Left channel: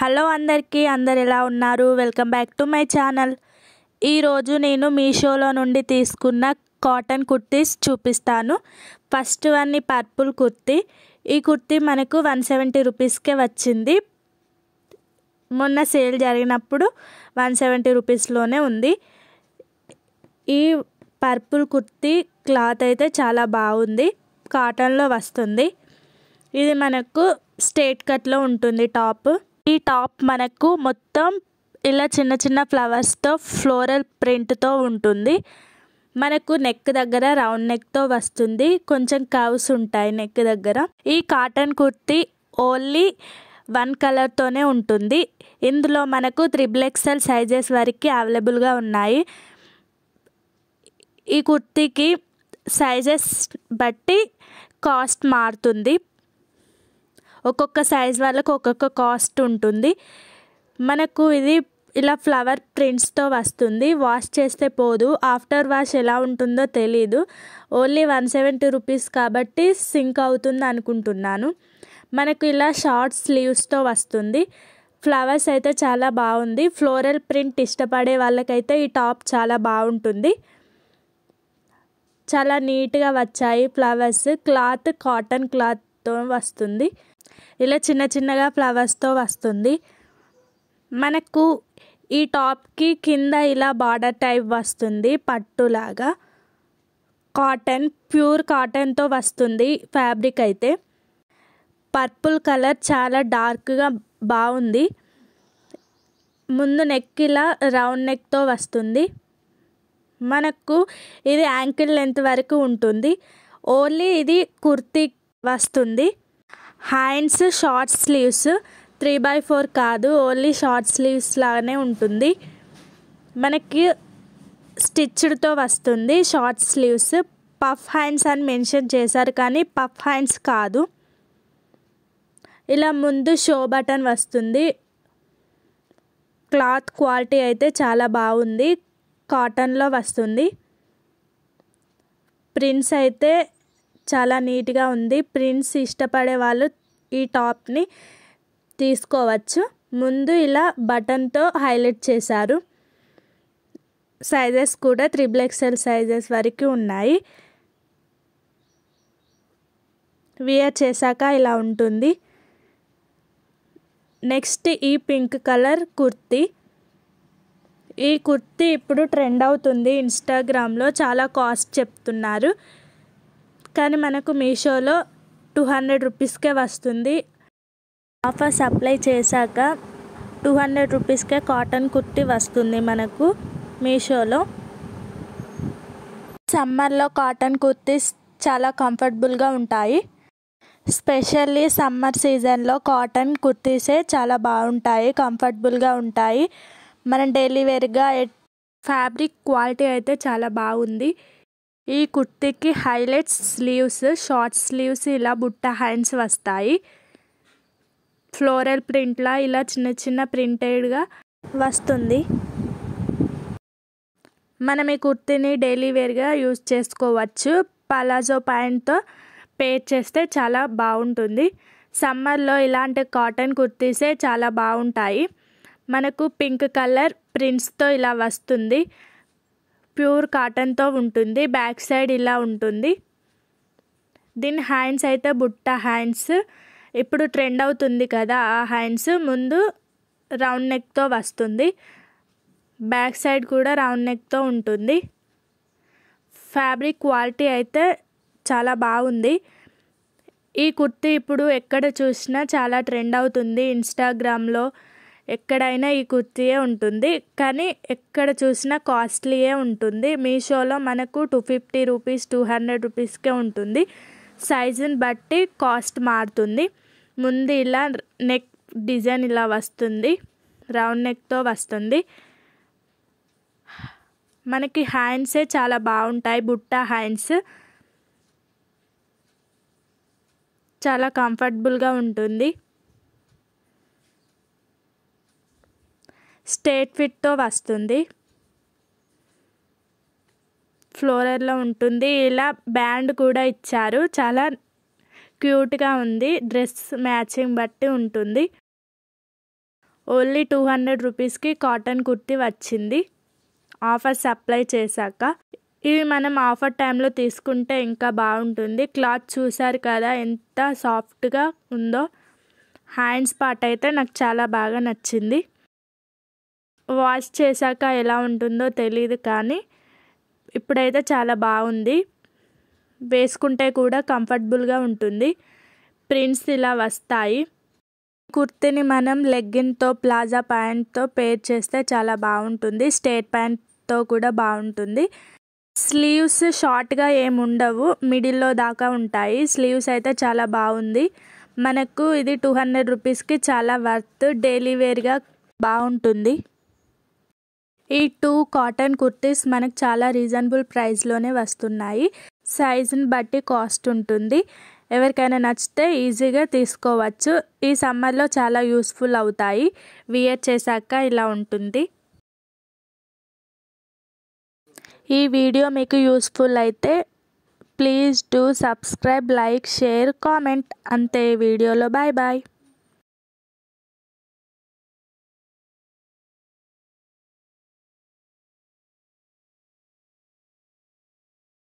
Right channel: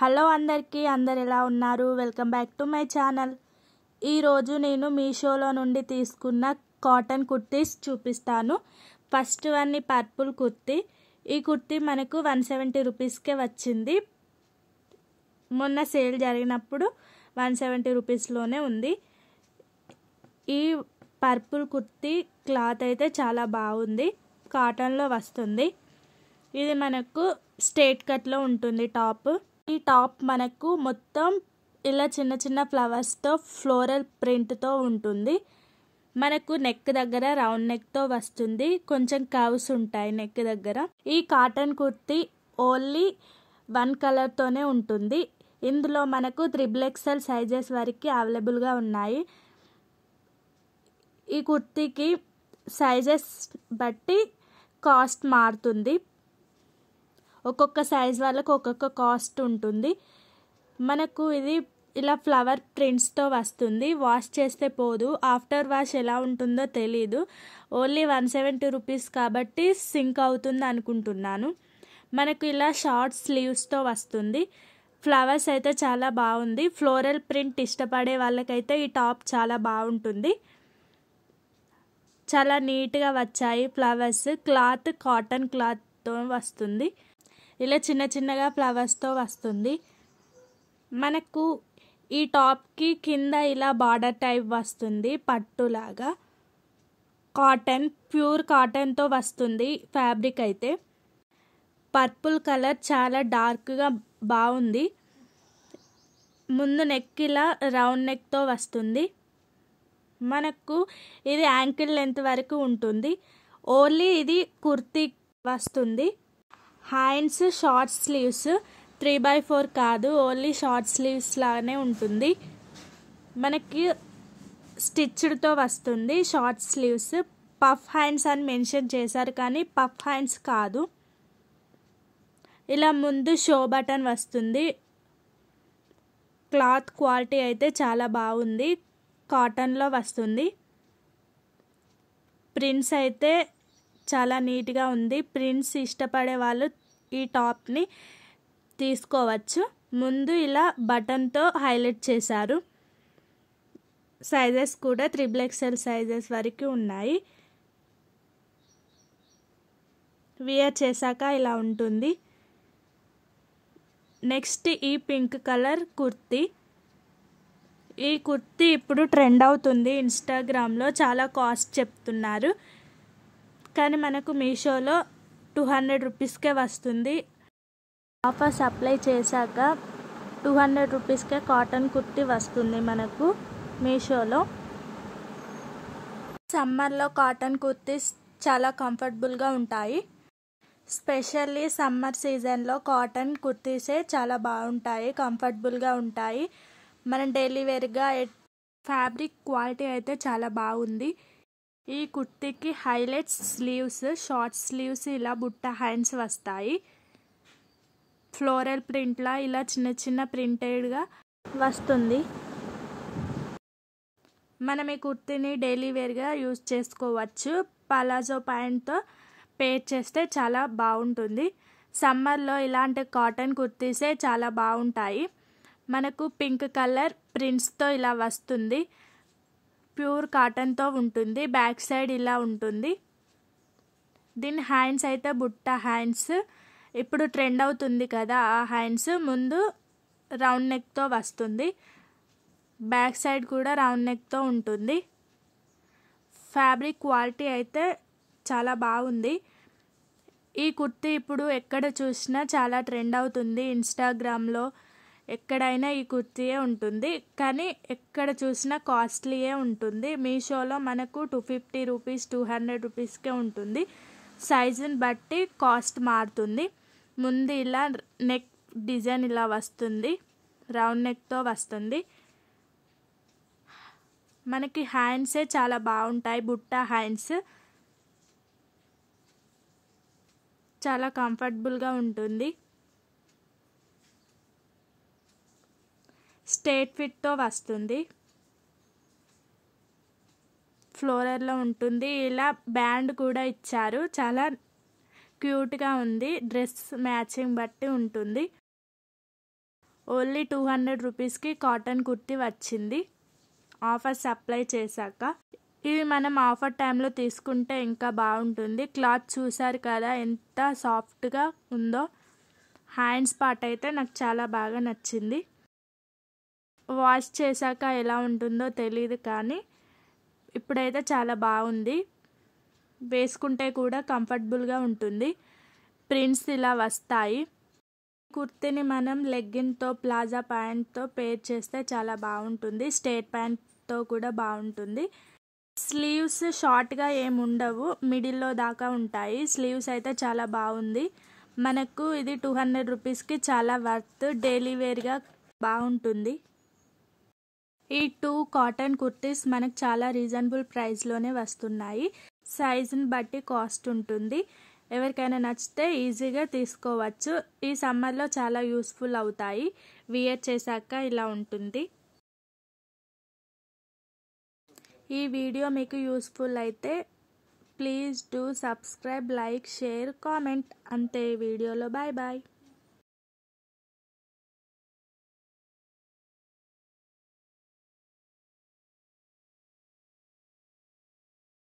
Hello అందరికీ, అందరు ఎలా ఉన్నారు? Welcome back to my channel. ఈరోజు నేను మీషోలో నుండి తీసుకున్న కాటన్ కుర్తీస్ చూపిస్తాను. ఫస్ట్ వన్ ఈ పర్పుల్ కుర్తీ. ఈ కుర్తీ మనకు 170 రూపీస్కే వచ్చింది. మొన్న సేల్ జరిగినప్పుడు 170 రూపీస్లోనే ఉంది. ఈ పర్పుల్ కుర్తీ క్లాత్ అయితే చాలా బాగుంది, కాటన్లో వస్తుంది. ఇది మనకు స్ట్రేట్ కట్లో ఉంటుంది టాప్. ఈ టాప్ మనకు మొత్తం ఇలా చిన్న చిన్న ఫ్లవర్స్తో ఫ్లోరల్ ప్రింట్తో ఉంటుంది. మనకు నెక్ దగ్గర రౌండ్ నెక్తో వస్తుంది, కొంచెం కర్వ్స్ ఉంటాయి నెక్ దగ్గర. ఈ కాటన్ కుర్తీ ఓన్లీ వన్ కలర్తోనే ఉంటుంది. ఇందులో మనకు 3XL సైజెస్ వరకు అవైలబుల్గా ఉన్నాయి. ఈ కుర్తీకి సైజెస్ బట్టి కాస్ట్ మారుతుంది. ఒక్కొక్క సైజ్ వాళ్ళకు ఒక్కొక్క కాస్ట్ ఉంటుంది. మనకు ఇది ఇలా ఫ్లవర్ ప్రింట్స్తో వస్తుంది. వాష్ చేస్తే పోదు, ఆఫ్టర్ వాష్ ఎలా ఉంటుందో తెలీదు. ఓన్లీ 170 రూపీస్ కాబట్టి సింక్ అవుతుంది అనుకుంటున్నాను. మనకు ఇలా షార్ట్ స్లీవ్స్తో వస్తుంది. ఫ్లవర్స్ అయితే చాలా బాగుంది. ఫ్లోరల్ ప్రింట్ ఇష్టపడే వాళ్ళకైతే ఈ టాప్ చాలా బాగుంటుంది. చాలా నీట్గా వచ్చాయి ఫ్లవర్స్. క్లాత్ కాటన్ క్లాత్తో వస్తుంది. ఇలా చిన్న చిన్నగా ఫ్లవర్స్తో వస్తుంది. మనకు ఈ టాప్కి కింద ఇలా బార్డర్ టైప్ వస్తుంది, పట్టులాగా. కాటన్, ప్యూర్ కాటన్తో వస్తుంది ఫ్యాబ్రిక్ అయితే. పర్పుల్ కలర్ చాలా డార్క్గా బాగుంది. ముందు నెక్ ఇలా రౌండ్ నెక్తో వస్తుంది. మనకు ఇది యాంకిల్ లెంత్ వరకు ఉంటుంది. ఓన్లీ ఇది కుర్తీ వస్తుంది. హ్యాండ్స్ షార్ట్ స్లీవ్స్, 3/4 కాదు, ఓన్లీ షార్ట్ స్లీవ్స్ లాగానే ఉంటుంది. మనకి స్టిచ్డ్తో వస్తుంది షార్ట్ స్లీవ్స్. పఫ్ హ్యాండ్స్ అని మెన్షన్ చేశారు కానీ పఫ్ హ్యాండ్స్ కాదు. ఇలా ముందు షో బటన్ వస్తుంది. క్లాత్ క్వాలిటీ అయితే చాలా బాగుంది, కాటన్లో వస్తుంది. ప్రింట్స్ అయితే చాలా నీట్గా ఉంది. ప్రింట్స్ ఇష్టపడే వాళ్ళు ఈ టాప్ని తీసుకోవచ్చు. ముందు ఇలా బటన్తో హైలైట్ చేశారు. సైజెస్ కూడా 3XL సైజెస్ వరకు ఉన్నాయి. వియర్ చేశాక ఇలా ఉంటుంది. నెక్స్ట్ ఈ పింక్ కలర్ కుర్తీ. ఈ కుర్తీ ఇప్పుడు ట్రెండ్ అవుతుంది ఇన్స్టాగ్రామ్లో. చాలా కాస్ట్ చెప్తున్నారు కానీ మనకు మీషోలో 200 రూపీస్కే వస్తుంది. ఆఫర్స్ అప్లై చేశాక 200 రూపీస్కే కాటన్ కుర్తీ వస్తుంది మనకు మీషోలో. సమ్మర్లో కాటన్ కుర్తీస్ చాలా కంఫర్టబుల్గా ఉంటాయి. స్పెషల్లీ సమ్మర్ సీజన్లో కాటన్ కుర్తీసే చాలా బాగుంటాయి, కంఫర్టబుల్గా ఉంటాయి. మనం డైలీ వేర్గా ఫ్యాబ్రిక్ క్వాలిటీ అయితే చాలా బాగుంది. ఈ కుర్తీకి హైలైట్స్ స్లీవ్స్, షార్ట్ స్లీవ్స్, ఇలా బుట్ట హ్యాండ్స్ వస్తాయి. ఫ్లోరల్ ప్రింట్లా ఇలా చిన్న చిన్న ప్రింటెడ్గా వస్తుంది. మనం ఈ కుర్తీని డైలీ వేర్గా యూజ్ చేసుకోవచ్చు. పలాజో ప్యాంట్తో పేర్ చేస్తే చాలా బాగుంటుంది. సమ్మర్లో ఇలాంటి కాటన్ కుర్తీసే చాలా బాగుంటాయి. మనకు పింక్ కలర్ ప్రింట్స్తో ఇలా వస్తుంది. ప్యూర్ కాటన్తో ఉంటుంది. బ్యాక్ సైడ్ ఇలా ఉంటుంది. దీని హ్యాండ్స్ అయితే బుట్ట హ్యాండ్స్. ఇప్పుడు ట్రెండ్ అవుతుంది కదా ఆ హ్యాండ్స్. ముందు రౌండ్ నెక్తో వస్తుంది, బ్యాక్ సైడ్ కూడా రౌండ్ నెక్తో ఉంటుంది. ఫ్యాబ్రిక్ క్వాలిటీ అయితే చాలా బాగుంది. ఈ కుర్తీ ఇప్పుడు ఎక్కడ చూసినా చాలా ట్రెండ్ అవుతుంది ఇన్స్టాగ్రామ్లో. ఎక్కడైనా ఈ కుర్తీయే ఉంటుంది కానీ ఎక్కడ చూసినా కాస్ట్లీయే ఉంటుంది. మీషోలో మనకు 250 రూపీస్, 200 రూపీస్కే ఉంటుంది. సైజుని బట్టి కాస్ట్ మారుతుంది. ముందు ఇలా నెక్ డిజైన్ ఇలా వస్తుంది, రౌండ్ నెక్తో వస్తుంది. మనకి హ్యాండ్సే చాలా బాగుంటాయి, బుట్ట హ్యాండ్స్. చాలా కంఫర్టబుల్గా ఉంటుంది. స్ట్రేట్ ఫిట్తో వస్తుంది. ఫ్లోరల్లో ఉంటుంది. ఇలా బ్యాండ్ కూడా ఇచ్చారు, చాలా క్యూట్గా ఉంది. డ్రెస్ మ్యాచింగ్ బట్టి ఉంటుంది. ఓన్లీ 200 రూపీస్కి కాటన్ కుర్తీ వచ్చింది ఆఫర్స్ అప్లై చేశాక. ఇవి మనం ఆఫర్ టైంలో తీసుకుంటే ఇంకా బాగుంటుంది. క్లాత్ చూసారు కదా ఎంత సాఫ్ట్గా ఉందో. హ్యాండ్స్ పార్ట్ అయితే నాకు చాలా బాగా నచ్చింది. వాష్ చేశాక ఎలా ఉంటుందో తెలియదు కానీ ఇప్పుడైతే చాలా బాగుంది. వేసుకుంటే కూడా కంఫర్టబుల్గా ఉంటుంది. ప్రింట్స్ ఇలా వస్తాయి. కుర్తీని మనం లెగ్గిన్తో ప్లాజా ప్యాంట్తో పేర్ చేస్తే చాలా బాగుంటుంది. స్ట్రేట్ ప్యాంట్తో కూడా బాగుంటుంది. స్లీవ్స్ షార్ట్గా ఏమి ఉండవు, మిడిల్లో దాకా ఉంటాయి. స్లీవ్స్ అయితే చాలా బాగుంది. మనకు ఇది 200 రూపీస్కి చాలా వర్త్. డైలీ వేర్గా బాగుంటుంది. ఈ 2 కాటన్ కుర్తీస్ మనకు చాలా రీజనబుల్ ప్రైస్లోనే వస్తున్నాయి. సైజుని బట్టి కాస్ట్ ఉంటుంది. ఎవరికైనా నచ్చితే ఈజీగా తీసుకోవచ్చు. ఈ సమ్మర్లో చాలా యూస్ఫుల్ అవుతాయి. వియర్ చేశాక ఇలా ఉంటుంది. ఈ వీడియో మీకు యూస్ఫుల్ అయితే please do subscribe, like, share, comment. అంతే వీడియోలో. Bye bye.